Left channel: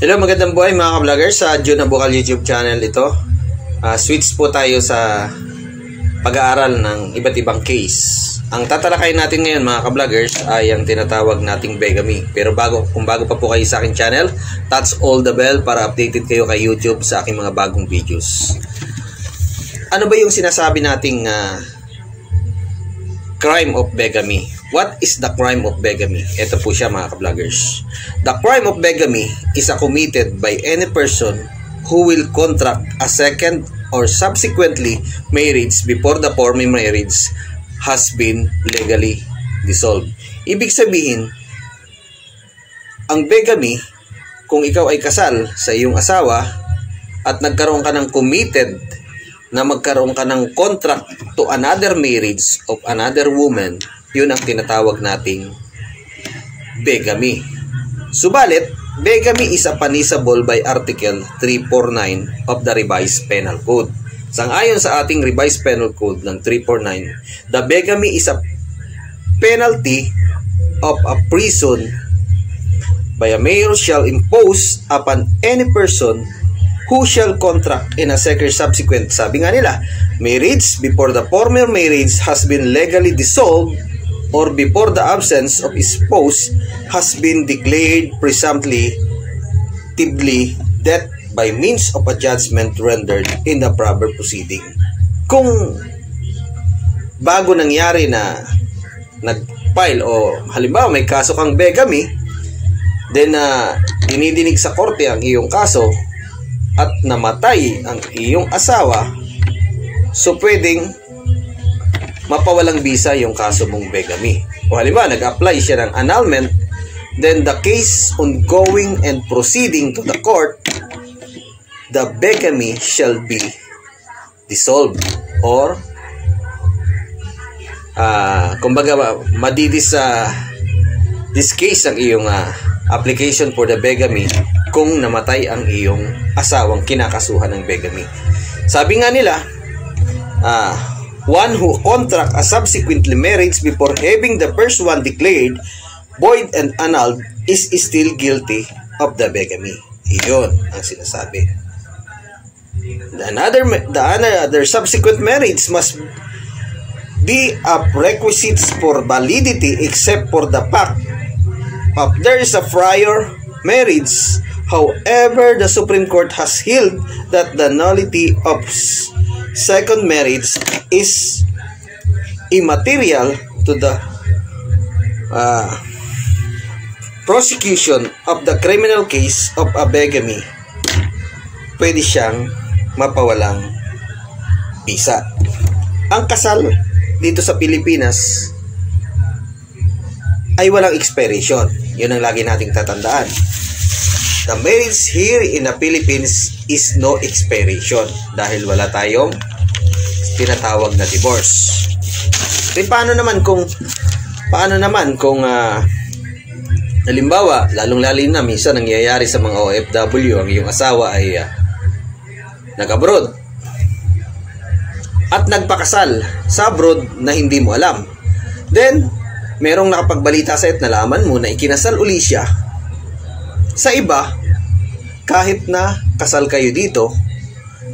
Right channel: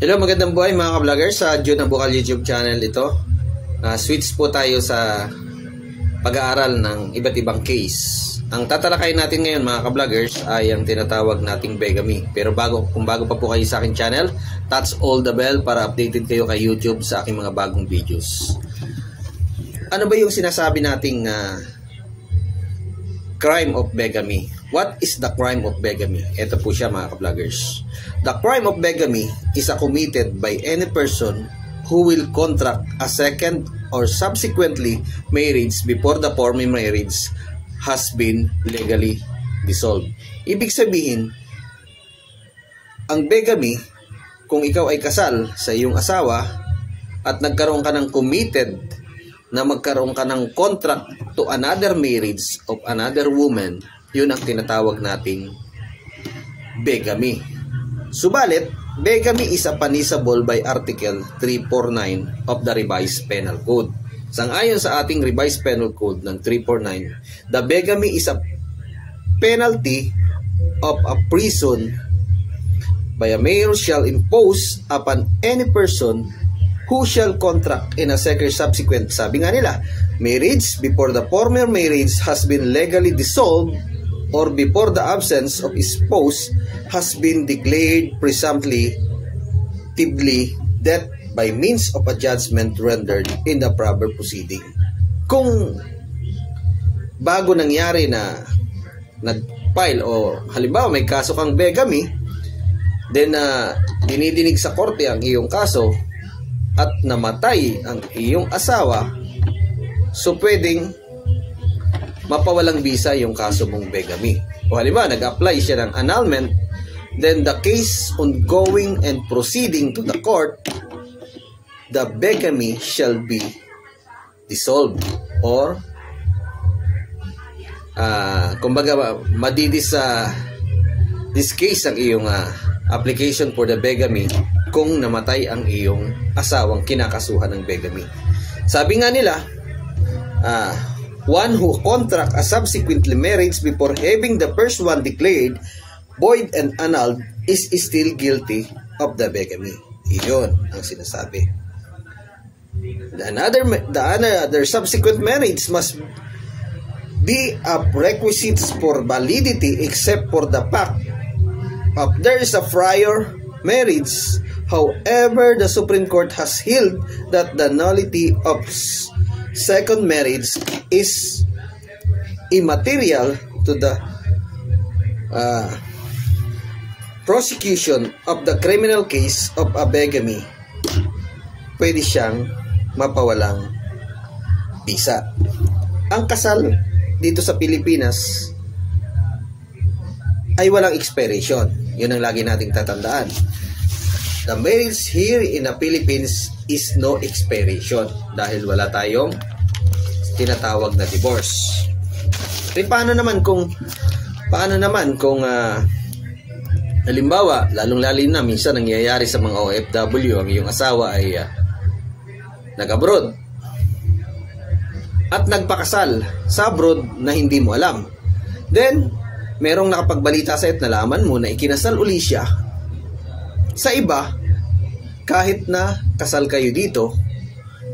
Hello, magandang buhay mga ka-vloggers sa June Bukal YouTube channel ito. Switch po tayo sa pag-aaral ng iba't ibang case. Ang tatalakayin natin ngayon mga ka-vloggers ay ang tinatawag nating bigamy. Pero kung bago pa po kayo sa aking channel, touch all the bell para updated kayo kay YouTube sa aking mga bagong videos. Ano ba yung sinasabi nating crime of bigamy? What is the crime of bigamy? Ito po siya mga ka-vloggers. The crime of bigamy is committed by any person who will contract a second or subsequently marriage before the former marriage has been legally dissolved. Ibig sabihin, ang bigamy, kung ikaw ay kasal sa iyong asawa at nagkaroon ka ng committed na magkaroon ka ng contract to another marriage of another woman, yun ang tinatawag nating bigamy. Subalit, bigamy is punishable by Article 349 of the Revised Penal Code. Sangayon sa ating Revised Penal Code ng 349, the bigamy is a penalty of a prison by a mayor shall impose upon any person who shall contract in a second subsequent, sabi nga nila, marriage before the former marriage has been legally dissolved or before the absence of spouse has been declared presumptively dead by means of a judgment rendered in the proper proceeding. Kung bago nangyari na nag-file o halimbawa may kaso kang bigamy, then dinidinig sa korte ang iyong kaso at namatay ang iyong asawa, so pwedeng mapawalang bisa yung kaso mong bigamy. O halimbawa, nag-apply siya ng annulment, then the case ongoing and proceeding to the court, the bigamy shall be dissolved or kumbaga madidis this case ang iyong application for the bigamy kung namatay ang iyong asawang kinakasuhan ng bigamy. Sabi nga nila, one who contract a subsequently marriage before having the first one declared void and annulled is still guilty of the bigamy. Iyon ang sinasabi. The subsequent marriage must be a requisite for validity except for the fact of there is a prior marriage. However, the Supreme Court has held that the nullity of second marriage is immaterial to the prosecution of the criminal case of a bigamy. Pwede siyang mapawalang bisa. Ang kasal dito sa Pilipinas ay walang expiration. Yun ang lagi nating tatandaan. The marriage here in the Philippines is no expiration dahil wala tayong tinatawag na divorce. E paano naman kung halimbawa, lalong-lalo na minsan nangyayari sa mga OFW, ang iyong asawa ay nag-abroad at nagpakasal sa abroad na hindi mo alam. Then, merong nakapagbalita sa at nalaman mo na ikinasal uli siya sa iba, kahit na kasal kayo dito,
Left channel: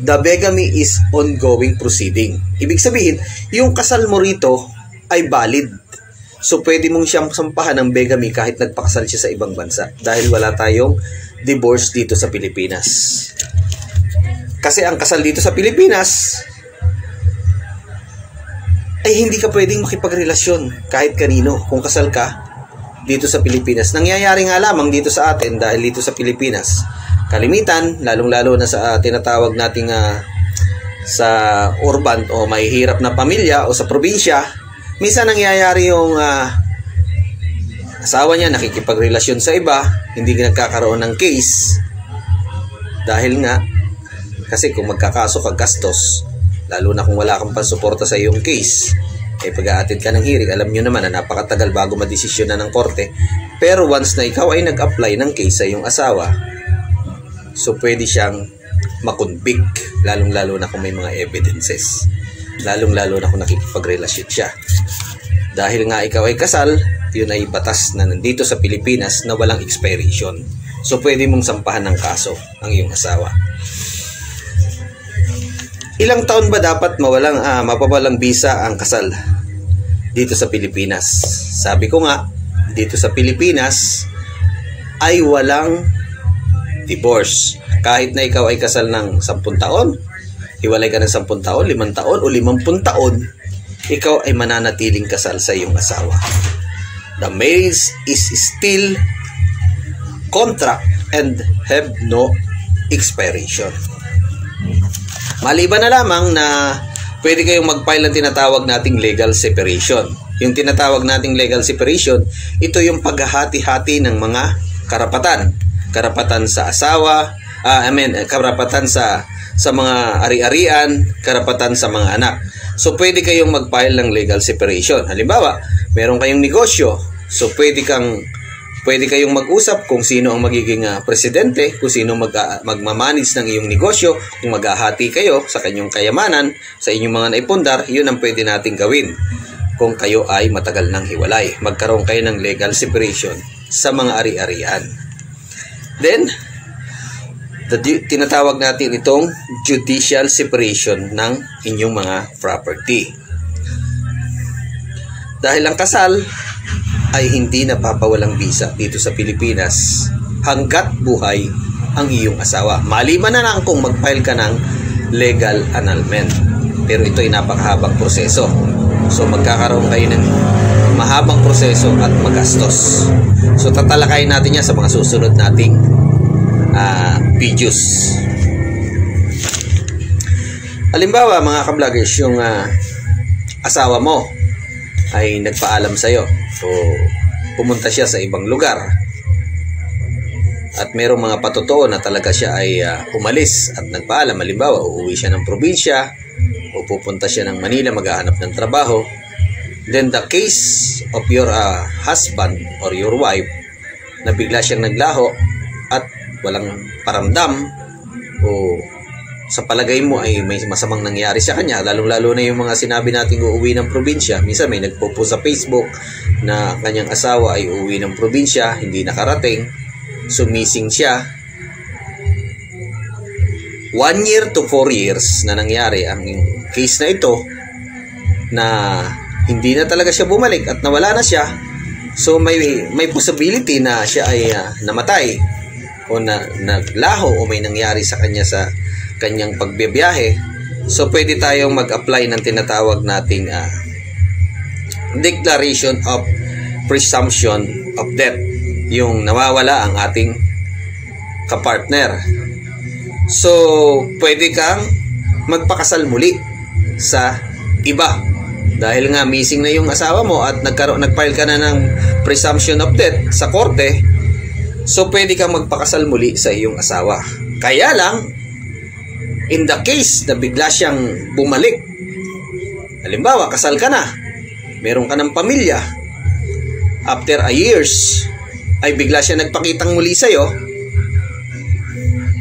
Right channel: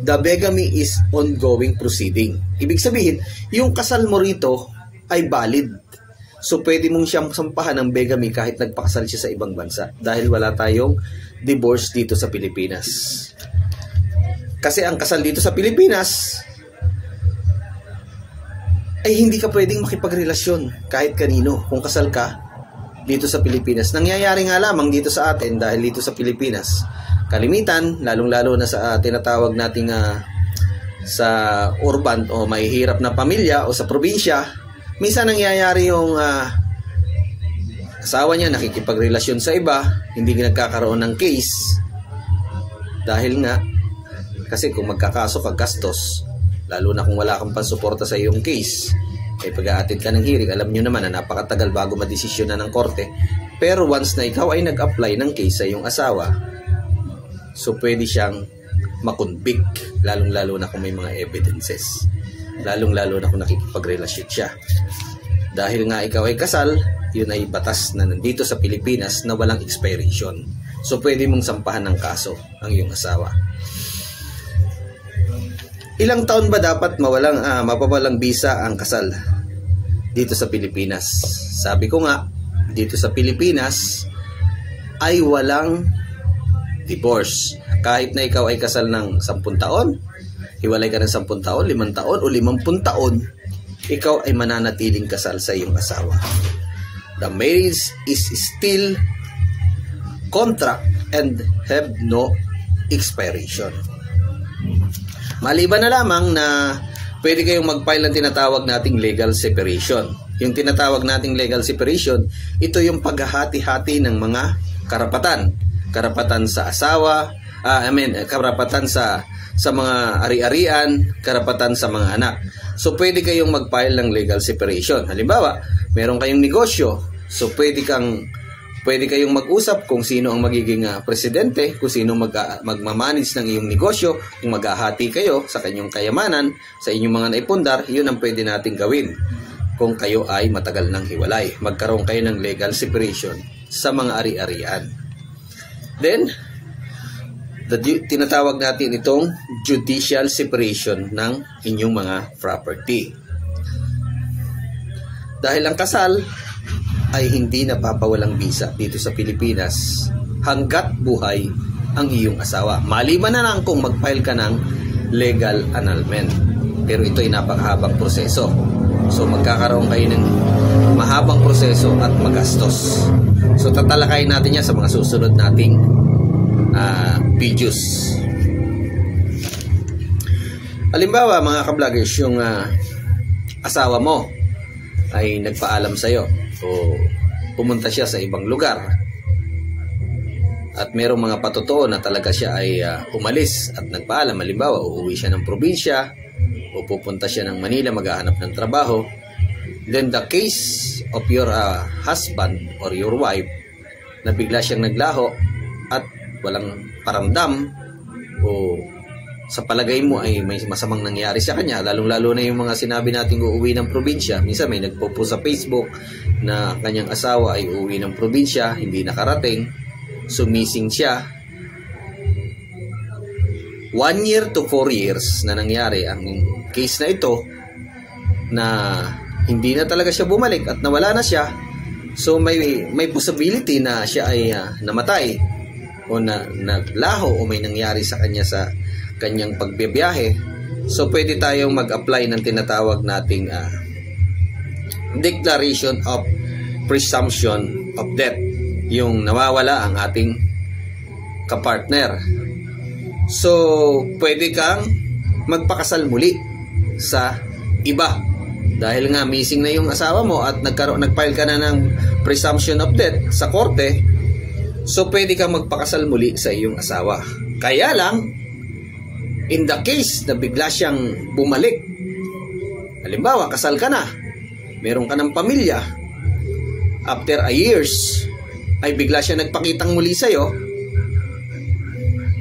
the bigamy is ongoing proceeding. Ibig sabihin, yung kasal mo rito ay valid. So, pwede mong siyang sampahan ng bigamy kahit nagpakasal siya sa ibang bansa dahil wala tayong divorce dito sa Pilipinas. Kasi ang kasal dito sa Pilipinas ay hindi ka pwedeng makipagrelasyon kahit kanino kung kasal ka dito sa Pilipinas. Nangyayari nga lamang dito sa atin dahil dito sa Pilipinas, kalimitan, lalong-lalo na sa tinatawag nating sa urban o may hirap na pamilya o sa probinsya, minsan nangyayari yung asawa niya nakikipagrelasyon sa iba, hindi nagkakaroon ng case dahil nga kasi kung magkakaso ka gastos, lalo na kung wala kang pansuporta sa iyong case, eh pag-aatid ka ng hearing, alam nyo naman na napakatagal bago madesisyon na ng korte. Pero once na ikaw ay nag-apply ng case sa iyong asawa, so pwede siyang makonvict, lalong-lalo na kung may mga evidences, lalong-lalo na kung nakikipagrelasyon siya. Dahil nga ikaw ay kasal, yun ay batas na nandito sa Pilipinas na walang expiration. So pwede mong sampahan ng kaso ang iyong asawa. Ilang taon ba dapat mapawalang bisa ang kasal dito sa Pilipinas? Sabi ko nga, dito sa Pilipinas ay walang divorce. Kahit na ikaw ay kasal ng 10 taon, hiwalay ka ng 10 taon, 5 taon o 50 taon, ikaw ay mananatiling kasal sa iyong asawa. The marriage is still contract and have no expiration. Maliban na lamang na pwede kayong mag-file ng tinatawag nating legal separation. Yung tinatawag nating legal separation, ito yung paghahati-hati ng mga karapatan. Karapatan sa asawa, karapatan sa mga ari-arian, karapatan sa mga anak. So pwede kayong mag-file ng legal separation. Halimbawa, meron kayong negosyo, so pwede kayong mag-usap kung sino ang magiging presidente, kung sino magmamanage ng iyong negosyo, kung maghahati kayo sa kanyang kayamanan, sa inyong mga naipundar, yun ang pwede nating gawin. Kung kayo ay matagal nang hiwalay, magkaroon kayo ng legal separation sa mga ari-arian. Then, tinatawag natin itong judicial separation ng inyong mga property. Dahil ang kasal ay hindi napapawalang bisa dito sa Pilipinas hanggat buhay ang iyong asawa. Maliban na lang kung mag-file ka ng legal annulment. Pero ito ay napakahabang proseso. So magkakaroon kayo ng mahabang proseso at magastos. So tatalakayin natin yan sa mga susunod nating videos. Halimbawa mga ka-vloggers, yung asawa mo ay nagpaalam sa'yo. So, pumunta siya sa ibang lugar at merong mga patotoo na talaga siya ay umalis at nagpaalam. Halimbawa, uuwi siya ng probinsya o pupunta siya ng Manila maghahanap ng trabaho. Then the case of your husband or your wife na bigla siyang naglaho at walang paramdam o sa palagay mo ay may masamang nangyari sa kanya, lalong-lalo na yung mga sinabi natin uuwi ng probinsya. Minsan may nagpo-post sa Facebook na kanyang asawa ay uuwi ng probinsya, hindi nakarating, so missing siya. 1 year to 4 years na nangyari ang case na ito, na hindi na talaga siya bumalik at nawala na siya. So may possibility na siya ay namatay o naglaho o may nangyari sa kanya sa kanyang pagbibiyahe. So pwede tayong mag-apply ng tinatawag nating declaration of presumption of death, yung nawawala ang ating kapartner. So pwede kang magpakasal muli sa iba dahil nga missing na yung asawa mo at nag-file ka na ng presumption of death sa korte. So pwede kang magpakasal muli sa iyong asawa. Kaya lang, in the case na bigla siyang bumalik, halimbawa kasal ka na, meron ka ng pamilya, after a years ay bigla siya nagpakitang muli sa'yo,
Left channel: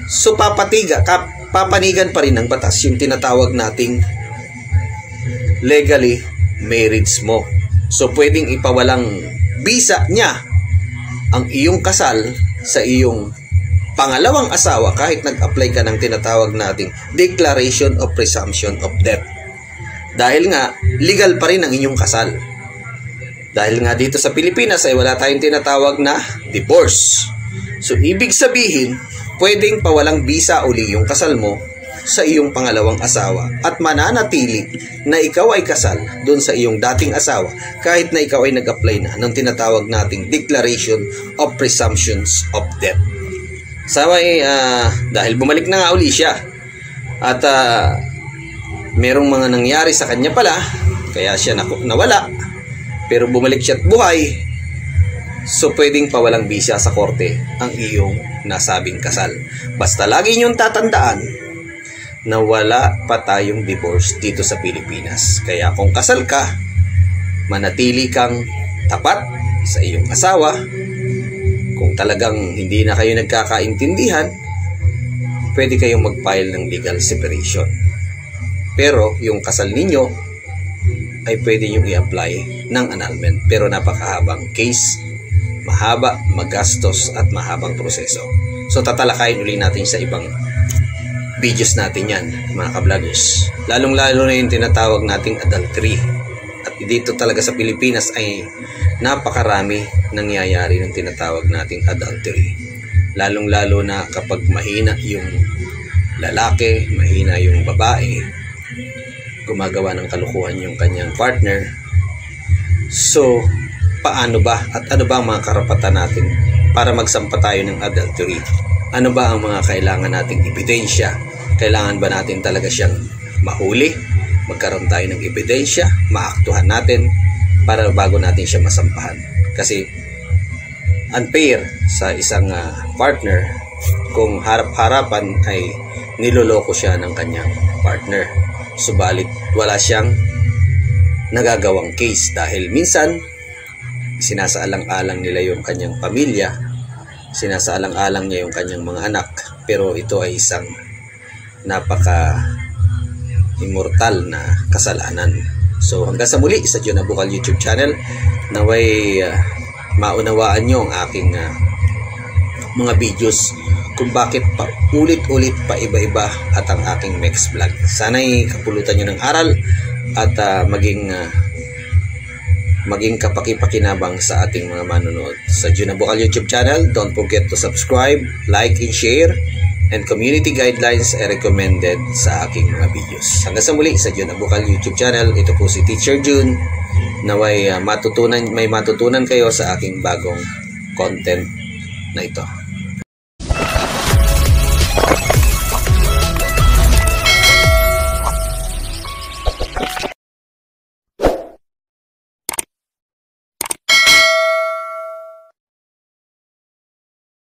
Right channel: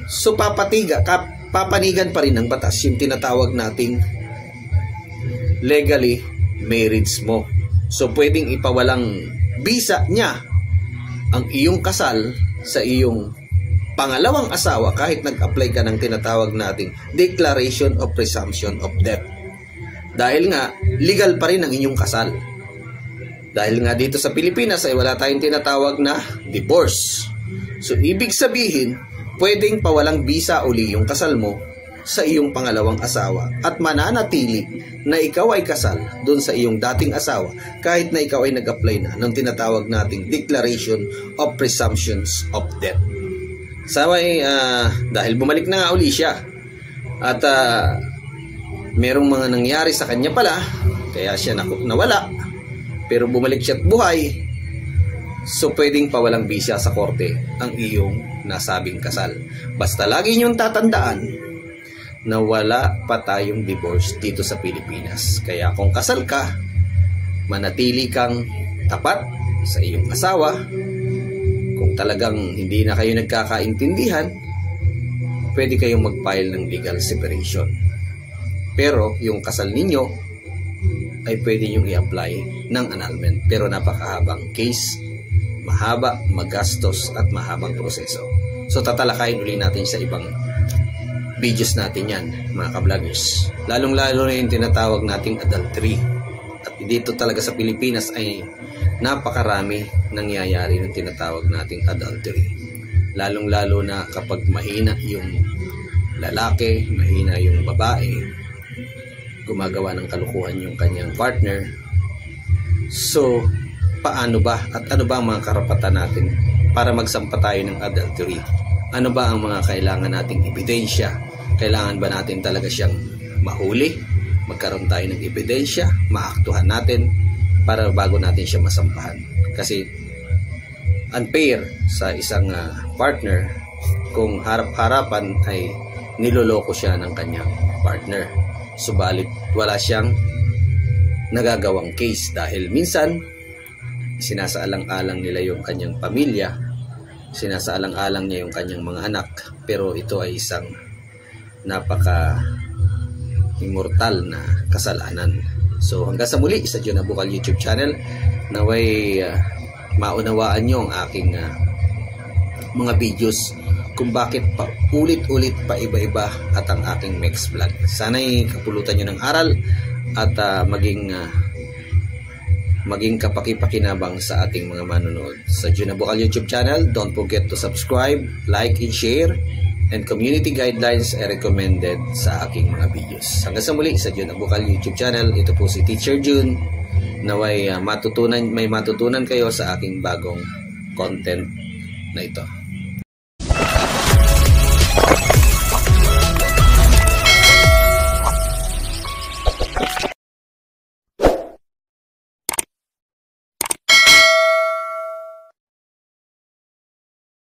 so papanigan pa rin ng batas yung tinatawag nating legally marriage mo. So pwedeng ipawalang bisa niya ang iyong kasal sa iyong pangalawang asawa kahit nag-apply ka ng tinatawag nating declaration of presumption of death. Dahil nga, legal pa rin ang inyong kasal. Dahil nga dito sa Pilipinas ay wala tayong tinatawag na divorce. So, ibig sabihin, pwedeng pawalang bisa uli yung kasal mo sa iyong pangalawang asawa at mananatili na ikaw ay kasal doon sa iyong dating asawa kahit na ikaw ay nag-apply na ng tinatawag nating declaration of presumptions of death. Sawa dahil bumalik na nga uli siya at merong mga nangyari sa kanya pala kaya siya nawala, pero bumalik siya at buhay, so pwedeng pawalang bisa sa korte ang iyong nasabing kasal. Basta lagi niyong tatandaan na wala pa tayong divorce dito sa Pilipinas. Kaya kung kasal ka, manatili kang tapat sa iyong asawa. Kung talagang hindi na kayo nagkakaintindihan, pwede kayong mag-file ng legal separation. Pero yung kasal ninyo ay pwede nyo i-apply ng annulment. Pero napakahabang case, mahaba, magastos at mahabang proseso. So tatalakayin uli natin sa ibang videos natin yan, mga ka-vloggers. Lalong-lalo na yung tinatawag nating adultery. At dito talaga sa Pilipinas ay napakarami nangyayari ng tinatawag nating adultery. Lalong-lalo na kapag mahina yung lalaki, mahina yung babae, gumagawa ng kalukuhan yung kanyang partner. So, paano ba at ano ba ang mga karapatan natin para magsampa tayo ng adultery? Ano ba ang mga kailangan nating ebidensya? Kailangan ba natin talaga siyang mahuli? Magkaroon tayo ng ebidensya, maaktuhan natin para bago natin siya masampahan. Kasi unfair sa isang partner kung harap-harapan ay niloloko siya ng kanyang partner. Subalit wala siyang nagagawang case dahil minsan sinasaalang-alang nila yung kanyang pamilya, sinasaalang-alang niya yung kanyang mga anak, pero ito ay isang napaka-immortal na kasalanan. So hanggang sa muli sa John Abukal YouTube channel, naway maunawaan nyo ang aking mga videos kung bakit pa ulit-ulit pa iba-iba at ang aking next vlog. Sana'y kapulutan nyo ng aral at maging kapaki-pakinabang sa ating mga manonood sa John Abukal YouTube channel. Don't forget to subscribe, like, and share, and community guidelines ay recommended sa aking mga videos. Hanggang sa muli sa John Abukal YouTube channel, ito po si Teacher June. Naway may matutunan kayo sa aking bagong content na ito.